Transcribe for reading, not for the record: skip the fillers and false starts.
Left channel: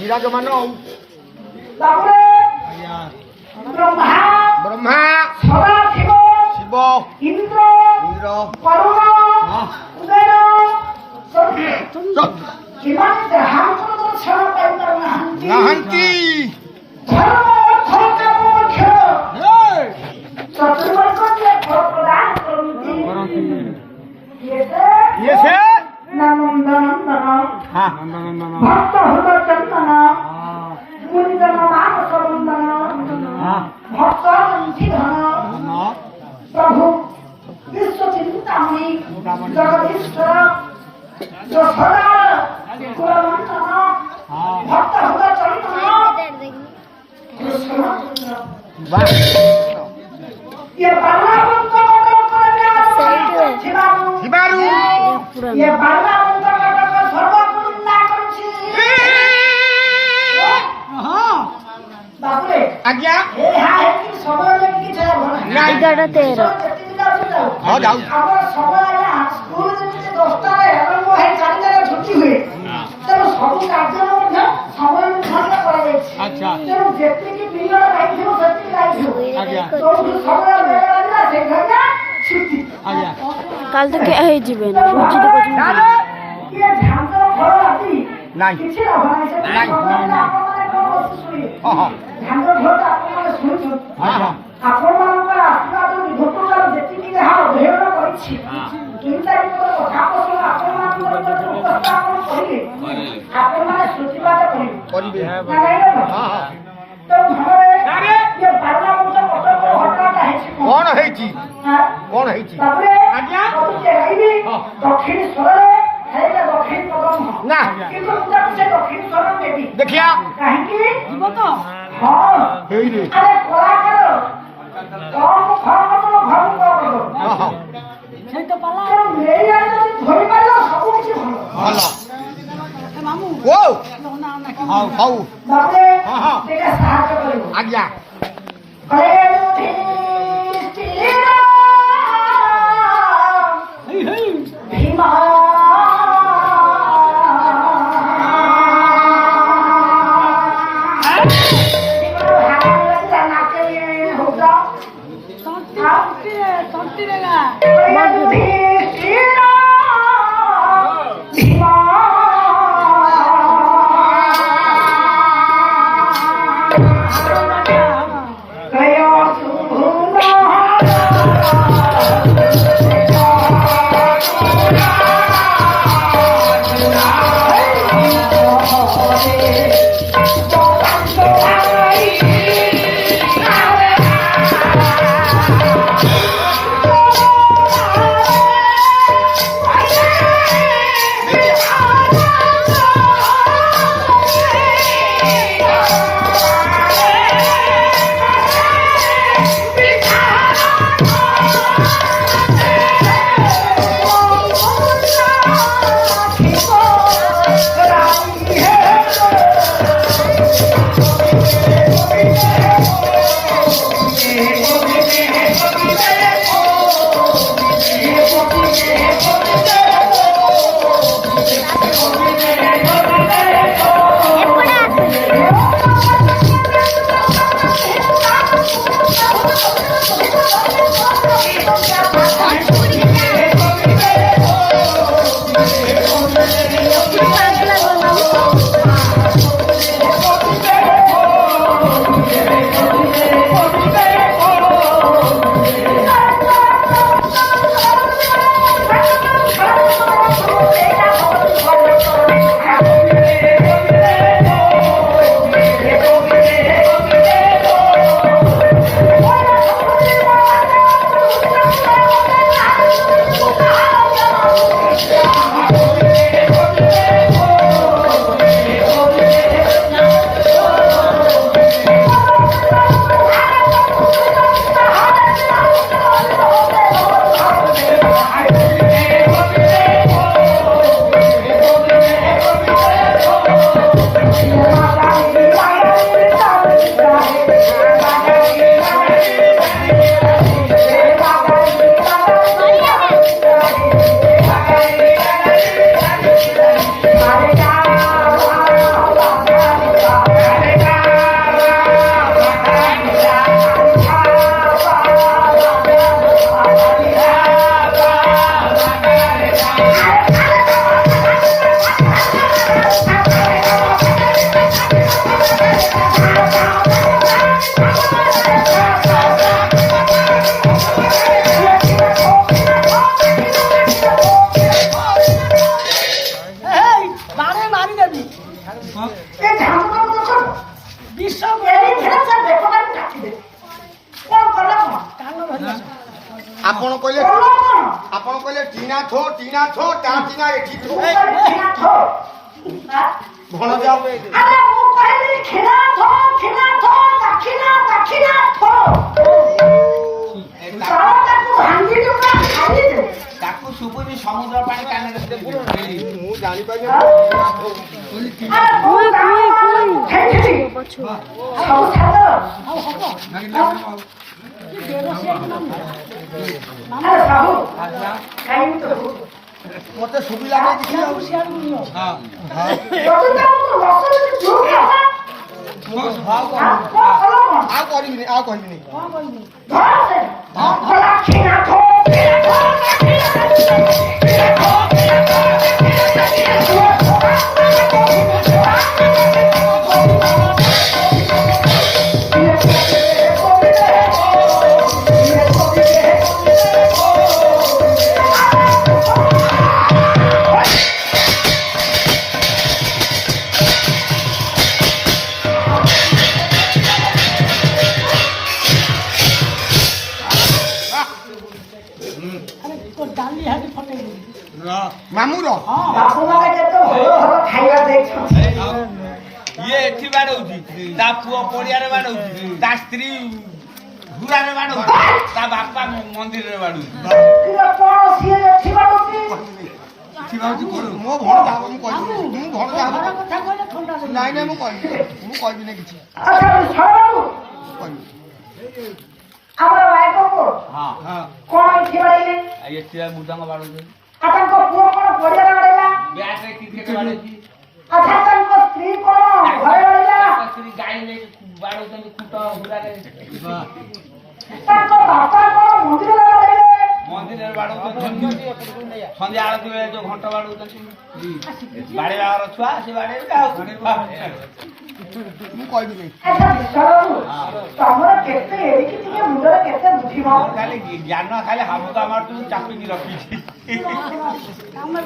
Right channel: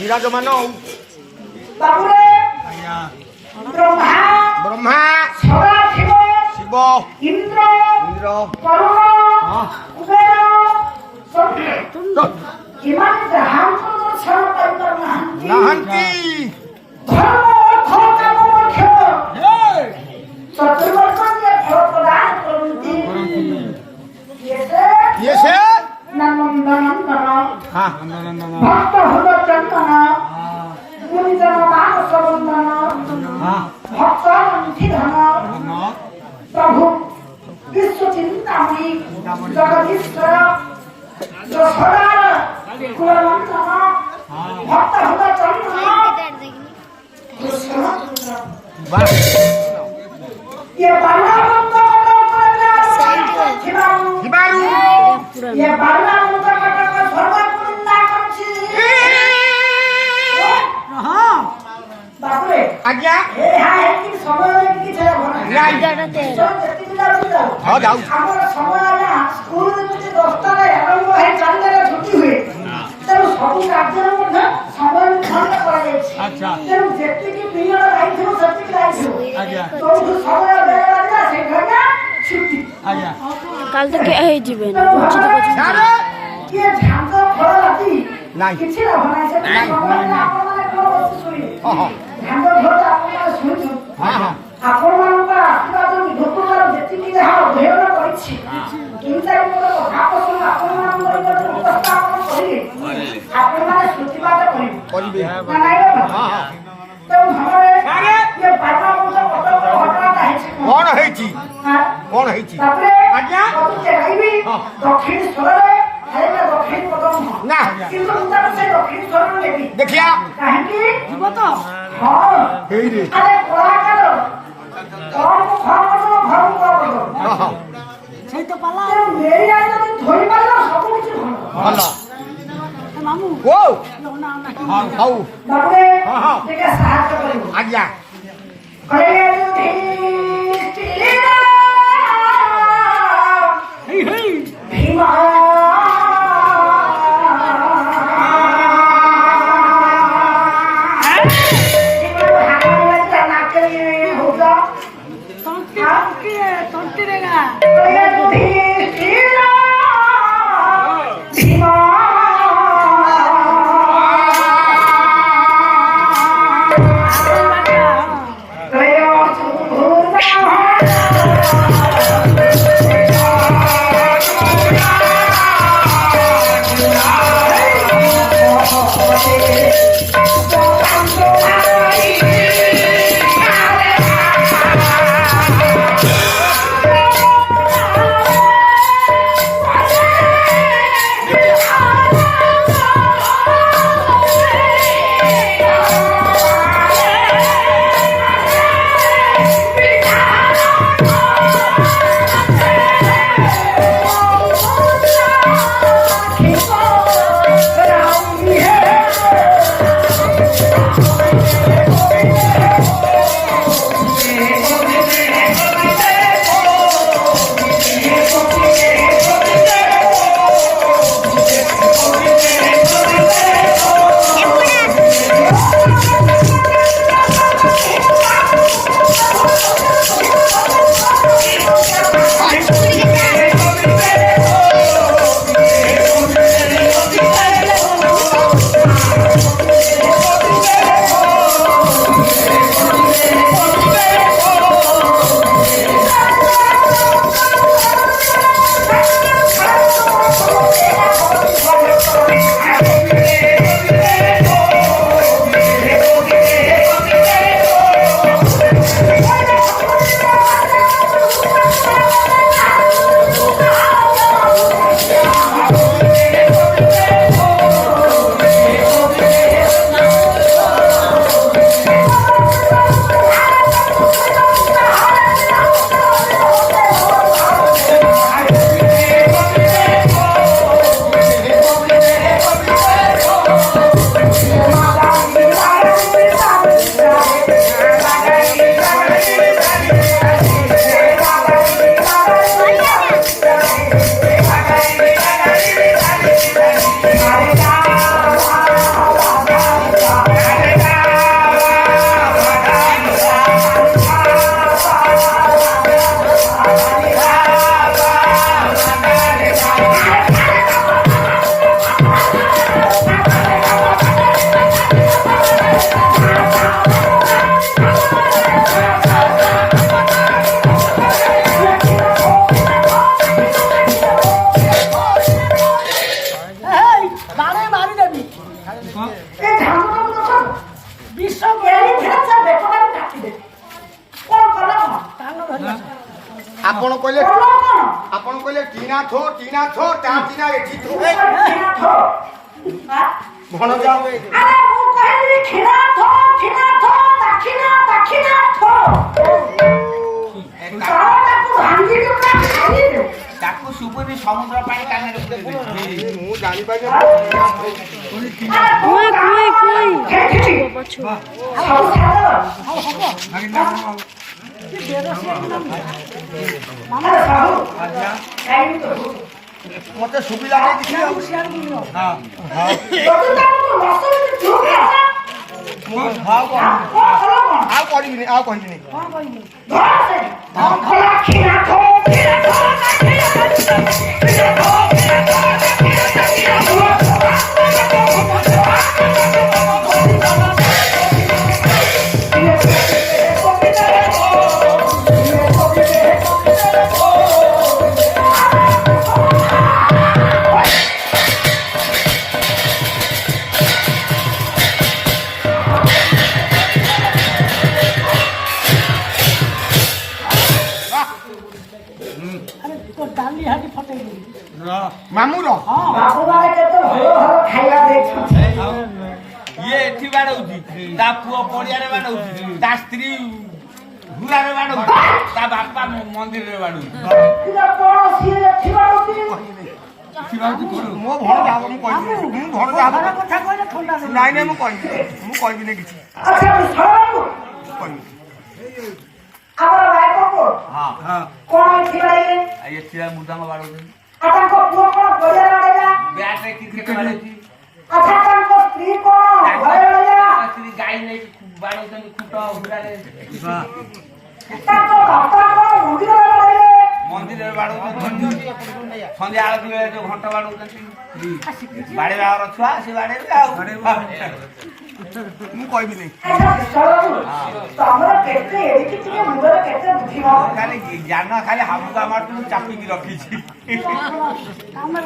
विराजमान ब्रह्मा शिव इंद्र नाहंती ये से हाँ प्रभु विश्व चिंतामणि जगदीश्वर जो सदा भक्त हुआ ये बाला हिबारू ये बाला सर्वकुलिंदा करछि बापरे आज्ञा ए हां एकी समय की छे नाही जाऊ আমার সময় না স্কুল যেতে 10টা আরম্ভ হয়ে 4টা ছুটি हुए তেমন সবু কাজের মধ্যে সময় নির্ধারণ করা যাচ্ছে আচ্ছা তেমন যেতিকি পিরিয়ড লাইছিল সেতিকি লাইছিল আজ্ঞা তো সময় বেড়ে না সেখানে ছুটি আজ্ঞা কাল থেকে এই যাবে না রুচিতে পর্যন্ত ये ঝাঁঝা ফল রাতি নাই কিছু না বানাইছে নাই হ্যাঁ হ্যাঁ ঝাঁঝা ফল আপনারা শুনুন হ্যাঁ হ্যাঁ ଆପଣଙ୍କର ଆଶୀର୍ବାଦ ଲୋକଙ୍କର ଯେତିକି ଯାହା ଅଧ୍ୟୟନ କରିଛି ଚିନ୍ତା ଭାବସୁ ଆପଣମାନଙ୍କର ଉପସ୍ଥାପନ କରିଲେ ଆପଣମାନେ ସୂଚିବାଦ କରିବେ କଣ ହେଇଛି କଣ ହେଇଛି ଆଜ୍ଞା ଦକ୍ଷିଣେଶ୍ୱରରେ ଦକ୍ଷିଣ ପଦମ ନା କିନ୍ତୁ ମୁଁ ତାକୁ ସେ ଦକ୍ଷିଣେଶ୍ୱର ନେବି ଦେଖିଆ କାହିଁକି ଯିବ ତ ହଁ ହେଇରେ ଆରେ କଳାକାର সেই তো পালা ଭଲ মামু ଓ না নাকি ହଉ ହଁ ହଁ ଆଜ୍ଞା হেই হেই তন্তি রেগা ଆପଣ କହିଲେ କଣ କଣ? ଆପଣ କହିଲେ ଟିଣା ଥୋ ତା ଟିଣା ଏଠି ଥୋ କ୍ଷୀଣା ଥୋ। ଆଁ? ଭଣଜା ଆରେ ମୁଁ କହିଲି କ୍ଷୀଣା ଥୋ, ଦାକ୍ଷିଣା ଥୋ। ତଳଟାକୁ ଭାଙ୍ଗି ଟୁକୁରା ଖାଇଦେଉ। ତାକୁ ଶୁଭୁନି ସମୁଦ୍ର ପାଣି କାନରେ ପୁରେଇ ଦେ। ମୁଁ ଜାଣିପାରି ମତେ ସୁବିଧା ନାହିଁ କିଛି ଆଉ। ଆଉ କରିବିନି ଆଉ କହିବିନି ଡାଲି ହାଟି ଫଟେଇଲି ମାମୁଁର ଇଏ ଏଠି ବାଡଉଛି ତା ପୁଅ ପଡିଆରେ ବାଡଉଛି ତା ସ୍ତ୍ରୀ ହୁରାରେ ବାଡଉଛି ତା ବାପା ମନ୍ଦିରରେ ବାଡଉଛି ମୋ ଭଣଜା ହବ ମୁଁ କହିବିନି ମୁଁ ଭଣଜା ହବ କଥା କହିଲେ ଥଣ୍ଡା ଦେବି ନାଇଁ ନାଇଁ ମୁଁ କହିବିନି କିଛି କହିବିନି। ଆମର ରାୟପୁର ହଁ କଣ ଏଠି ବାଡେଇଲେ? ଏଠି ମୃଦଙ୍ଗ ବାଡଉଛି ଆଉ ତାଙ୍କ ପୁଅ କଣ ବଜାର ବାଡେଇଲା? ବ୍ୟାଟରେ କ୍ରିକେଟ ବାଡଉଛି ଆଚ୍ଛା ତାଙ୍କ ସ୍ତ୍ରୀ କଣ ଘରେ ବାଡେଇଲା? ସ୍ତ୍ରୀ ଗାଈ ନେଇକି ବାଡଉଛନ୍ତି ଖୁଟ ହୁରାରେ ତାଙ୍କ ବାପା କଣ ମନ୍ଦିରରେ ବାଡେଇଲେ? ମନ୍ଦିରରେ ବାଡଉଛନ୍ତି ସନ୍ଧ୍ୟା ଆଳତି ବେଳେ ଯୋଉ ଘଣ୍ଟ ବାଡଉଛନ୍ତି ବାଡେଇବାର ଛୁଆ ସେ ବାଡେଇବେ ଆଉ ମୁଁ କହିବିନି ଆଚ୍ଛା ବିଶ୍ୱବାବୁ, ତମର କେତେ ଏଡ଼ିକି ଟିକେ ମୁଣ୍ଡରେ କେତେ ବୁଦ୍ଧି ମ? ଖାଲି ଜ୍ଞାନ ଖାଲି ହାବୁକା ମାରୁଛୁ ଚାପିକି ରଖିଛି ଆମର